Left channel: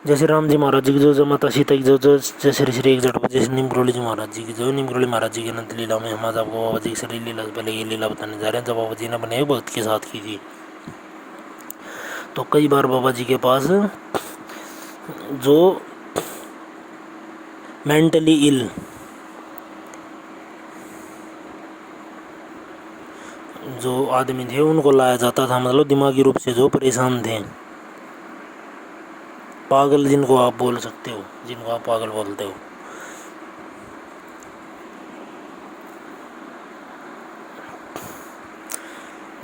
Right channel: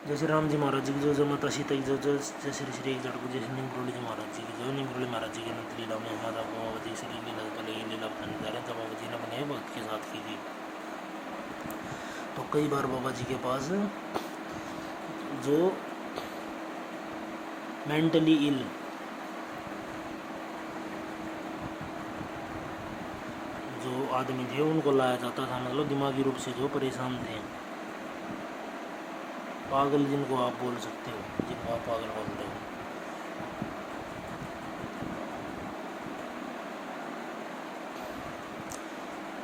जैसे राम जी महाराज जी की जो माता सीता की जो जय श्री श्री एक जट, जैसे निमकरोली जी महाराज जी की जो, निमकरोली महाराज जी की अनंत लीला में हम आज आपको बाबा जी की सारी लीला से पहले ये लीला बताने जा रहे हैं जब बाबा जी ने अपने भक्त के साथ की थी। तो कई बार बाबा जी के पास जो मेंटली इल, जो आदमी थे उनको लाया जाता था, मतलब दिमागी रूप से जो परेशान थे, पागल जिनको आप बोल सकते हो, जिनको आप पागल बोलते हो।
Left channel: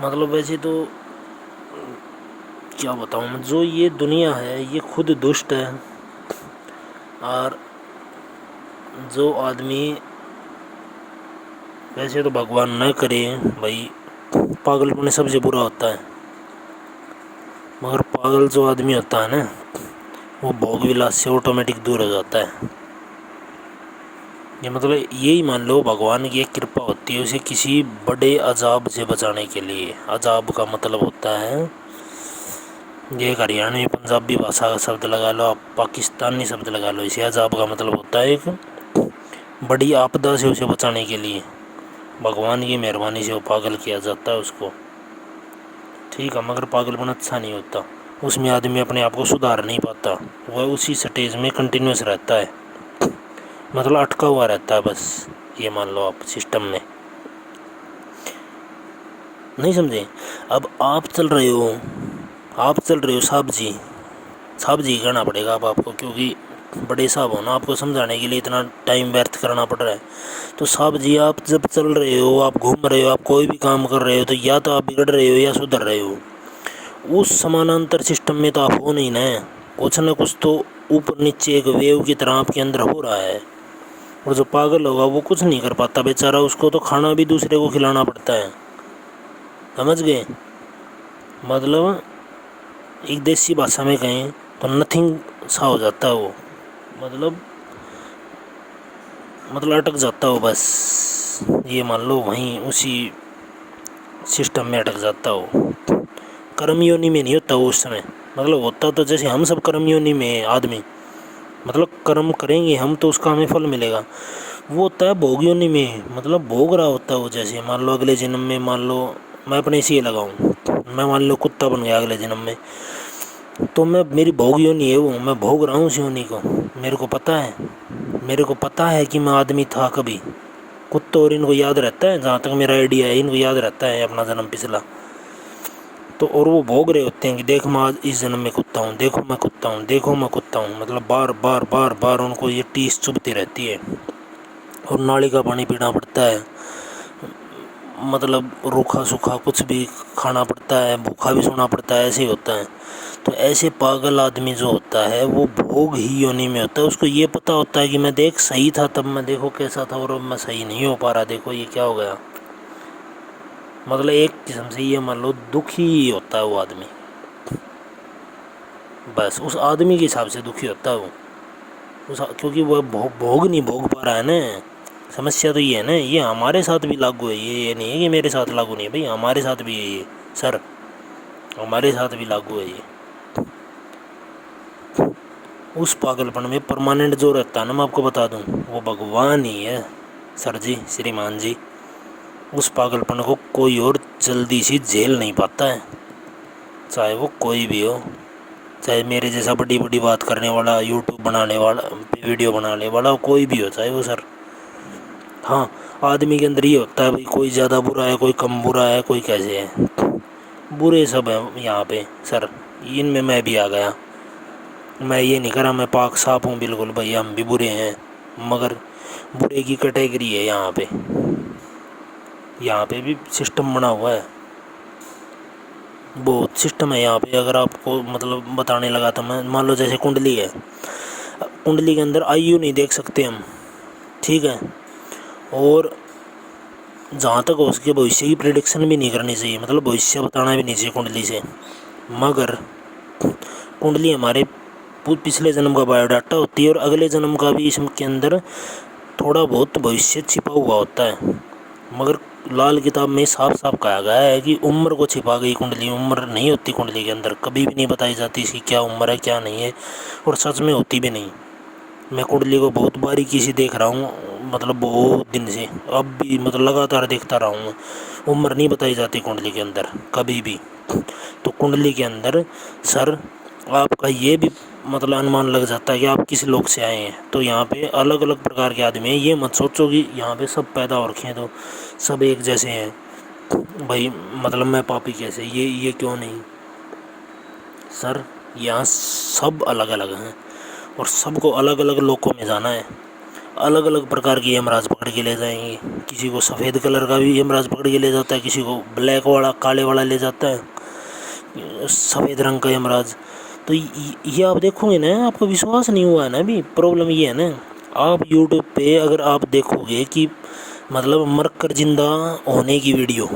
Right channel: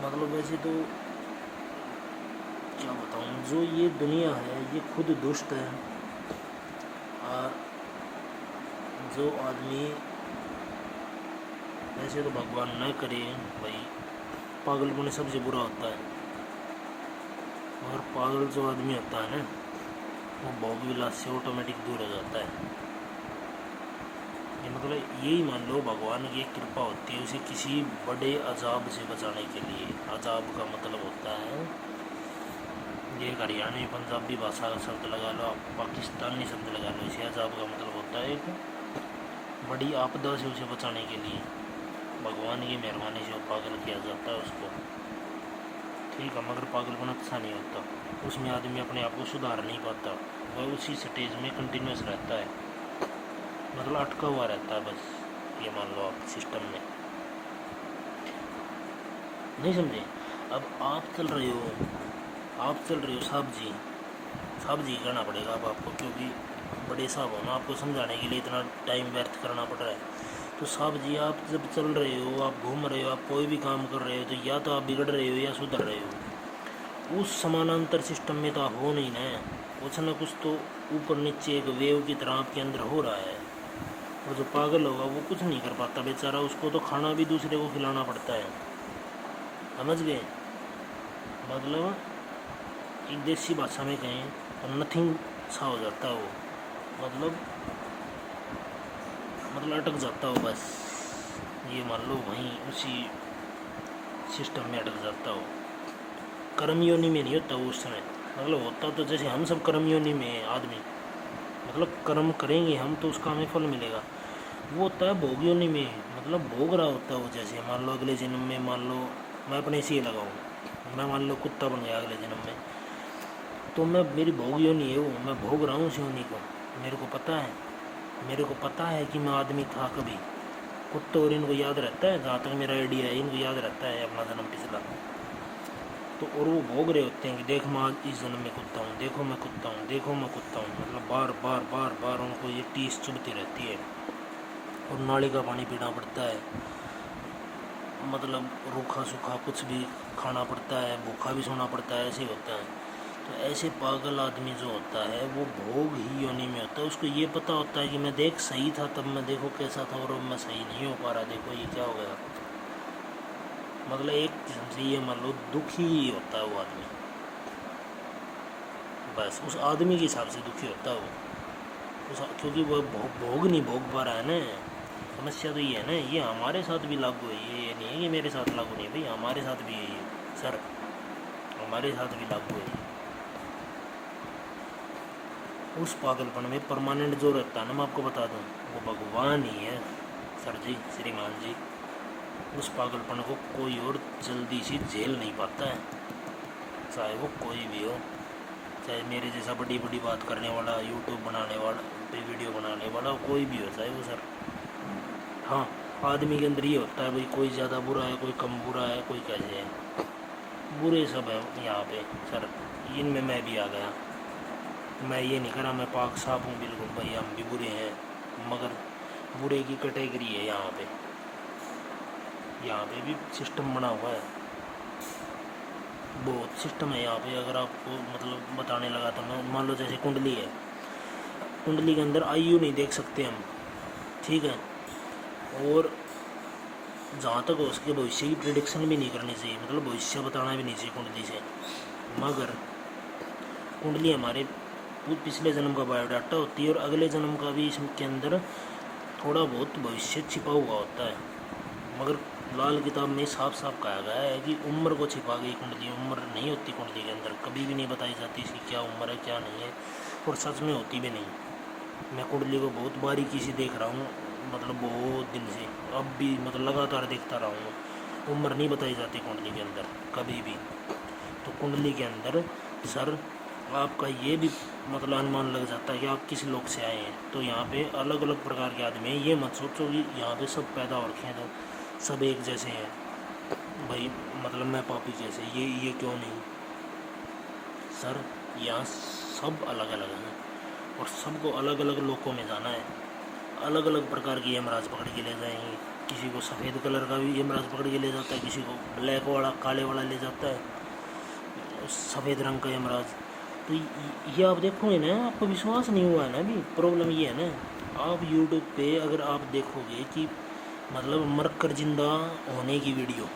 मतलब वैसे तो क्या बताऊँ मैं, जो ये दुनिया है ये खुद दुष्ट है, और जो आदमी वैसे तो भगवान न करे भाई, पागलपन सबसे बुरा होता है, मगर पागल जो आदमी होता है ना वो भोग विलास से ऑटोमेटिक दूर हो जाता है। ये मतलब यही मान लो भगवान की एक कृपा होती है उसे किसी बड़े अजाब से बचाने के लिए। अजाब का मतलब होता है, ये एक हरियाणवी पंजाबी भाषा का शब्द लगा लो, आप पाकिस्तानी शब्द लगा लो, इसे अजाब का मतलब होता है एक बड़ी आपदा से उसे बचाने के लिए भगवान की मेहरबानी से वो पागल किया जाता है उसको। ठीक है, मगर पागलपन अच्छा नहीं होता, उसमें आदमी अपने आप को सुधार नहीं पाता, वह उसी स्टेज में कंटिन्यूस रहता है, मतलब अटका हुआ रहता है बस। ये मान लो आप सिस्टम में नहीं समझे। अब आप चल रहे हो, साहब जी कहना पड़ेगा अब आपको, क्योंकि बड़े साहब हो ना, आपको समझाने के लिए इतना टाइम व्यर्थ करना पड़ रहा है। तो साहब जी आप जब चल रहे हो, आप घूम रहे हो, आप कोई भी काम कर रहे हो, तो या तो आप बिगड़ रहे हो या सुधर रहे हो। उस समानांतर सिस्टम में तो आप हो नहीं ना, कुछ ना कुछ तो ऊपर नीचे एक वेव की तरह आपके अंदर हो रहा है। और जो पागल होगा वो कुछ नहीं कर पाता बेचारा, उसको तो खाना भी दूसरे को खिलाना पड़ता है, समझ गए। मतलब एक देसी भाषा में कहें तो नथिंग सा हो जाता है वो, मतलब अटक जाता हो बस। ये मान लो वहीं उसी सिस्टम में अटक जाता हो। कर्म योनि में नहीं होता वो उस समय, मतलब होता तो जैसे हम सब कर्म योनि में है आदमी, मतलब कर्म करेंगे हम तो उसका हमें फल मिलेगा। वो होता है भोग योनि में, मतलब भोग रहा होता है वो। जैसे मान लो अगले जन्म में, मान लो मैं अपने से ये लगाऊँ, मैं मान लो कुत्ता बन गया अगले जन्म में, तो मैं, मेरी भोग योनि है वो, मैं भोग रहा हूँ उस योनि को। मेरे को पता है कि मैं आदमी था कभी। कुत्तों और इनको याद रहता है, जहाँ तक मेरा आइडिया है, इनको याद रहता है अपना जन्म पिछला। तो और वो भोग रहे होते हैं कि देख मैं आज इस जन्म में कुत्ता हूँ, देखो मैं कुत्ता हूँ, देखो मैं कुत्ता हूँ, मतलब बार बार बार बार उनको ये टीस चुभती रहती है। और नाली का पानी पीना पड़ता है, मतलब रूखा सूखा कुछ भी खाना पड़ता है, भूखा भी सोना पड़ता है, ऐसे ही होता है। तो ऐसे पागल आदमी जो होता है वो भोग ही योनि में होता है। उसको ये पता होता है कि मैं देख सही था तब, मैं देखो कैसा था, और अब मैं सही नहीं हो पा रहा, देखो ये क्या हो गया। मतलब एक किस्म से ये मान लो दुखी ही होता है वो आदमी, बस उस आदमी के हिसाब से दुखी होता है वो क्योंकि वह भोग नहीं भोग पा रहा है ना। समस्या तो ये है ना, ये हमारे साथ भी लागू है, ये नहीं है कि मेरे साथ लागू नहीं है भाई, हमारे साथ भी है ये सर, हमारे साथ भी लागू है ये। उस पागलपन में परमानेंट जो रहता है ना, मैं आपको बता दूं, वो भगवान ही है सर जी, श्रीमान जी। उस पागलपन को कोई और जल्दी से झेल नहीं पाता है, चाहे वो कोई भी हो, चाहे मेरे जैसा बड़ी बड़ी बात करने वाला, यूट्यूब बनाने वाला, वीडियो बनाने वाला, कोई भी हो चाहे वो सर। हाँ, आदमी के अंदर ये होता है भाई, कोई ज़्यादा बुरा है, कोई कम बुरा है, कोई कैसे है, बुरे सब हैं यहाँ पे सर। इनमें मैं भी आ गया, मैं ये नहीं करा मैं पाक साफ हूँ बिल्कुल भाई, हम भी बुरे हैं, मगर बुरे की कैटेगरी है यहाँ पे, यहाँ पे भी सिस्टम बना हुआ है, बहुत सिस्टम है यहाँ पे। अगर आपको मतलब बताने लगा तो मैं, मान लो जैसे कुंडली है, कुंडली के अंदर आयु नहीं देख सकते हम, ठीक है, और जहाँ तक हो सके भविष्य की प्रिडिक्शन भी नहीं करनी चाहिए, मतलब भविष्य बताना भी नहीं चाहिए कुंडली से। मगर कुंडली हमारे पिछले जन्म का बायोडाटा होती है, और अगले जन्म का भी इसके अंदर थोड़ा बहुत भविष्य छिपा हुआ होता है। मगर लाल किताब में साफ साफ कहा गया है कि उम्र को छिपा गई कुंडली, उम्र नहीं होती कुंडली के अंदर, कभी भी नहीं बताई जाती इसकी क्या उम्र है क्या नहीं है, और सच में होती भी नहीं। मैं कुंडली को बहुत बारीकी से देख रहा हूँ, मतलब बहुत दिन से, अब भी मतलब लगातार देखता रहा हूँ। उम्र नहीं बताई जाती कुंडली के अंदर कभी भी। तो कुंडली के अंदर सर आपका ये भी मतलब अनुमान लग जाता है कि आप किस लोग से आए हैं। तो यहाँ पे अलग अलग प्रकार के आदमी हैं, ये मत सोचो कि यहाँ पे सब पैदा हो रखे हैं तो सब एक जैसे हैं भाई, मतलब मैं पापी कैसे, ये क्यों नहीं सर, यहाँ सब अलग अलग हैं और सबको अलग अलग लोकों में जाना है। अलग अलग प्रकार की यमराज पकड़ के ले जाएंगे, किसी को सफ़ेद कलर का भी यमराज पकड़ के ले जाता है, किसी को ब्लैक वाला काले वाला ले जाता है, सफ़ेद रंग का यमराज। तो ये आप देखोगे ना, आपको विश्वास नहीं हुआ है ना अभी, प्रॉब्लम ये है ना। आप यूट्यूब पे अगर आप देखोगे कि मतलब मर कर जिंदा होने की वीडियो,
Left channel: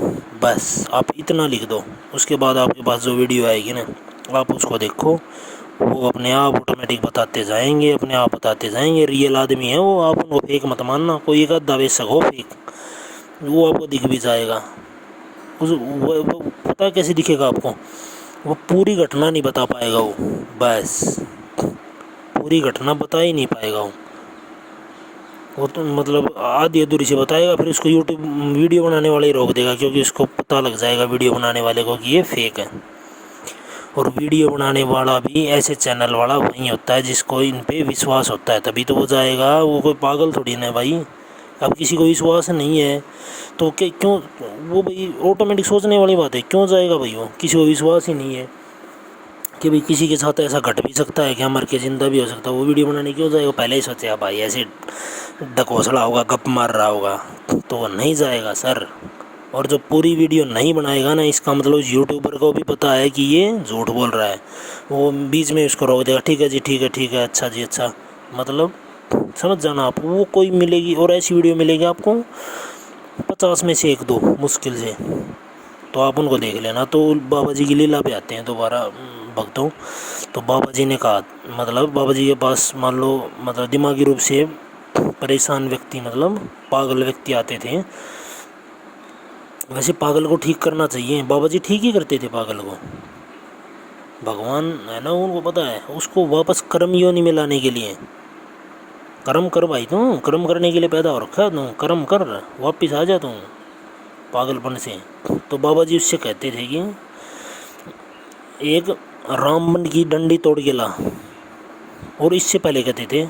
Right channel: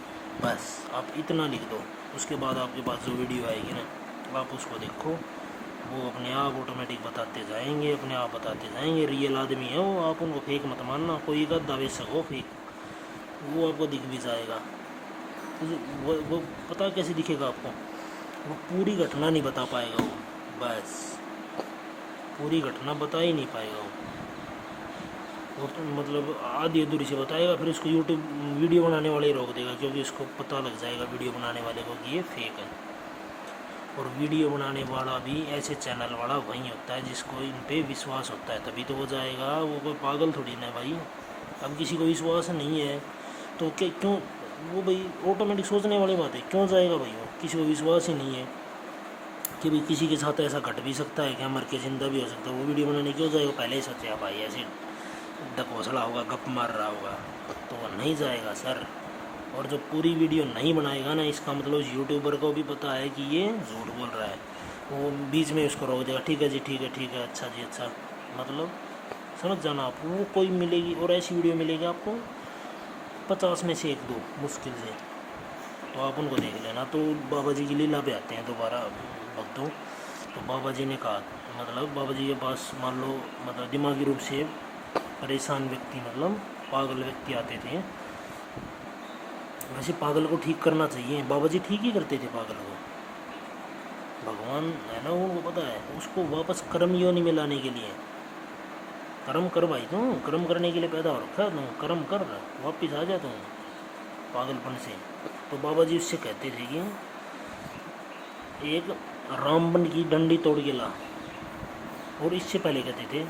बस आप इतना लिख दो, उसके बाद आपके पास जो वीडियो आएगी ना आप उसको देखो, वो अपने आप ऑटोमेटिक बताते जाएंगे, अपने आप बताते जाएंगे। रियल आदमी है वो, आप उनको फेक मत मानना, कोई एक आधा बेच सको फेक, वो आपको दिख भी जाएगा। वो पता कैसे दिखेगा आपको, वो पूरी घटना नहीं बता पाएगा वो, बस पूरी घटना बता ही नहीं पाएगा वो तो मतलब आधी अधूरी से बताएगा, फिर उसको यूट्यूब वीडियो बनाने वाले ही रोक देगा, क्योंकि उसको पता लग जाएगा वीडियो बनाने वाले को कि ये फेक है। और वीडियो बनाने वाला भी ऐसे चैनल वाला वही होता है जिसको इन पे विश्वास होता है, तभी तो वो जाएगा, वो कोई पागल थोड़ी ना भाई। अब किसी को विश्वास नहीं है तो क्यों वो भाई, ऑटोमेटिक सोचने वाली बात है, क्यों जाएगा भाई, वो किसी को विश्वास ही नहीं है कि भाई किसी के साथ ऐसा घट भी सकता है, क्या मर के ज़िंदा भी हो सकता है, वो वीडियो बनाने क्यों जाएगा। पहले ही सोचे भाई ऐसे ढकोसला होगा, गप मार रहा होगा, तो वो नहीं जाएगा सर। और जो पूरी वीडियो नहीं बनाएगा ना, इसका मतलब यूट्यूबर को भी पता है कि ये झूठ बोल रहा है, वो बीच में उसको रोक देगा, ठीक है जी ठीक है ठीक है, अच्छा जी अच्छा, मतलब समझ जाना आप। वो कोई मिलेगी और ऐसी वीडियो मिलेगी आपको 50 में से 1-2 मुश्किल से, तो आप उनको देख लेना। तो बाबा जी की लीला पे आते हैं दोबारा भक्तों। तो बाबा जी ने कहा, मतलब बाबा जी के पास मान लो मतलब दिमागी रूप से परेशान व्यक्ति, मतलब पागल व्यक्ति आते थे। वैसे पागल को ठीक करना चाहिए, बाबा जी ठीक ही करते थे पागल को, भगवान है ना उनको पता है, उसको वापस कर्म योनि में लाने के लिए। कर्म कर भाई, तू कर्म करने के लिए पैदा हो रखा है, तू कर्म कर, वापस आ जा तू पागलपन से। तो बाबा जी उससे कहते थे कि एक रामबन की डंडी तोड़ के ला, और इससे पहले कहते थे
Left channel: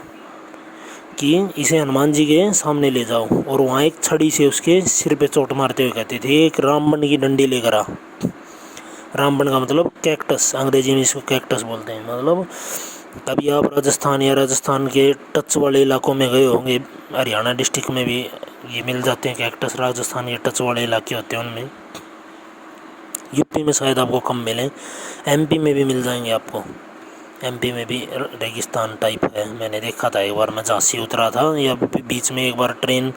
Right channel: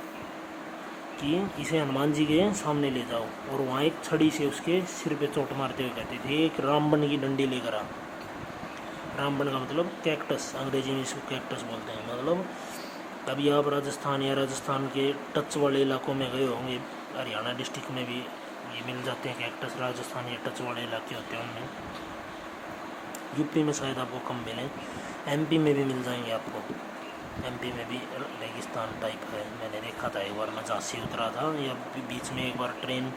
कि इसे हनुमान जी के सामने ले जाओ, और वहाँ एक छड़ी से उसके सिर पे चोट मारते हुए कहते थे एक रामबन की डंडी लेकर आ। रामबन का मतलब कैक्टस, अंग्रेजी में इसको कैक्टस बोलते हैं। मतलब कभी आप राजस्थान या राजस्थान के टच वाले इलाकों में गए होंगे, हरियाणा डिस्ट्रिक्ट में भी ये मिल जाते हैं कैक्टस, राजस्थान के टच वाले इलाके होते हैं उनमें। यूपी में शायद आपको कम मिलें, एमपी में भी मिल जाएंगे आपको। एमपी में भी रेगिस्तान टाइप है, मैंने देखा था एक बार, मैं झांसी उतरा था, या बीच में एक बार ट्रेन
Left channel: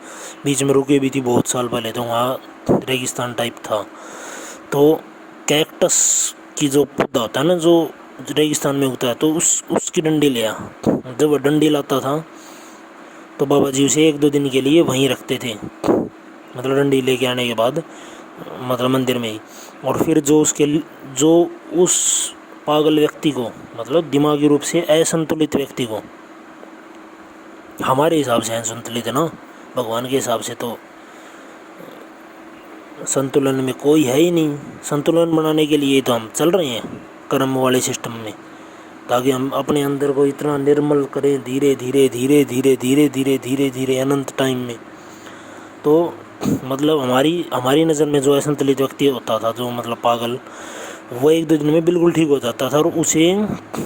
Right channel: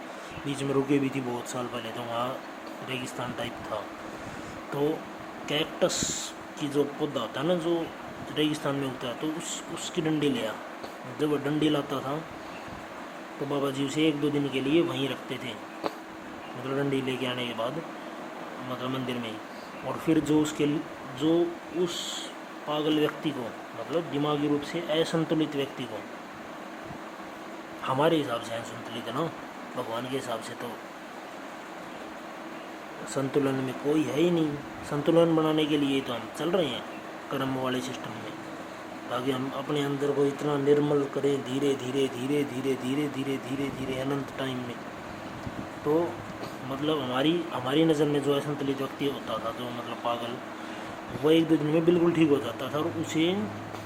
बीच में रुकी भी थी बहुत साल पहले, तो वहाँ रेगिस्तान टाइप था। तो कैक्टस की जो पौधा होता है ना, जो रेगिस्तान में उगता है, तो उसकी डंडी लिया। जब वह डंडी लाता था तो बाबा जी उसे 1-2 दिन के लिए वहीं रखते थे, मतलब डंडी लेके आने के बाद, मतलब मंदिर में ही। और फिर जो उस पागल व्यक्ति को, मतलब दिमागी रूप से असंतुलित व्यक्ति को, हमारे हिसाब से असंतुलित है ना, भगवान के हिसाब से तो संतुलन में कोई है ही नहीं। संतुलन बनाने के लिए तो हम चल रहे हैं कर्म वाले सिस्टम में, ताकि हम अपने अंदर को इतना निर्मल करें धीरे धीरे धीरे धीरे धीरे धीरे धीरे धीरे अनंत टाइम में। तो मतलब हमारी नज़र में जो असंतुलित व्यक्ति होता था, जो मतलब पागल, वो 1-2 दिन में बिल्कुल ठीक हो जाता था, और उसे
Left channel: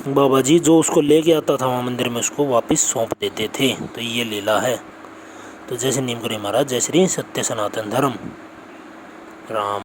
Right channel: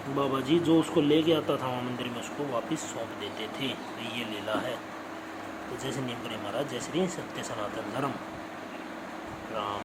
बाबा जी जो उसको लेके आता था वहाँ मंदिर में, उसको वापस सौंप देते थे। तो ये लीला है। तो जय श्री नीम करी महाराज, जय श्री सत्य सनातन धर्म, राम।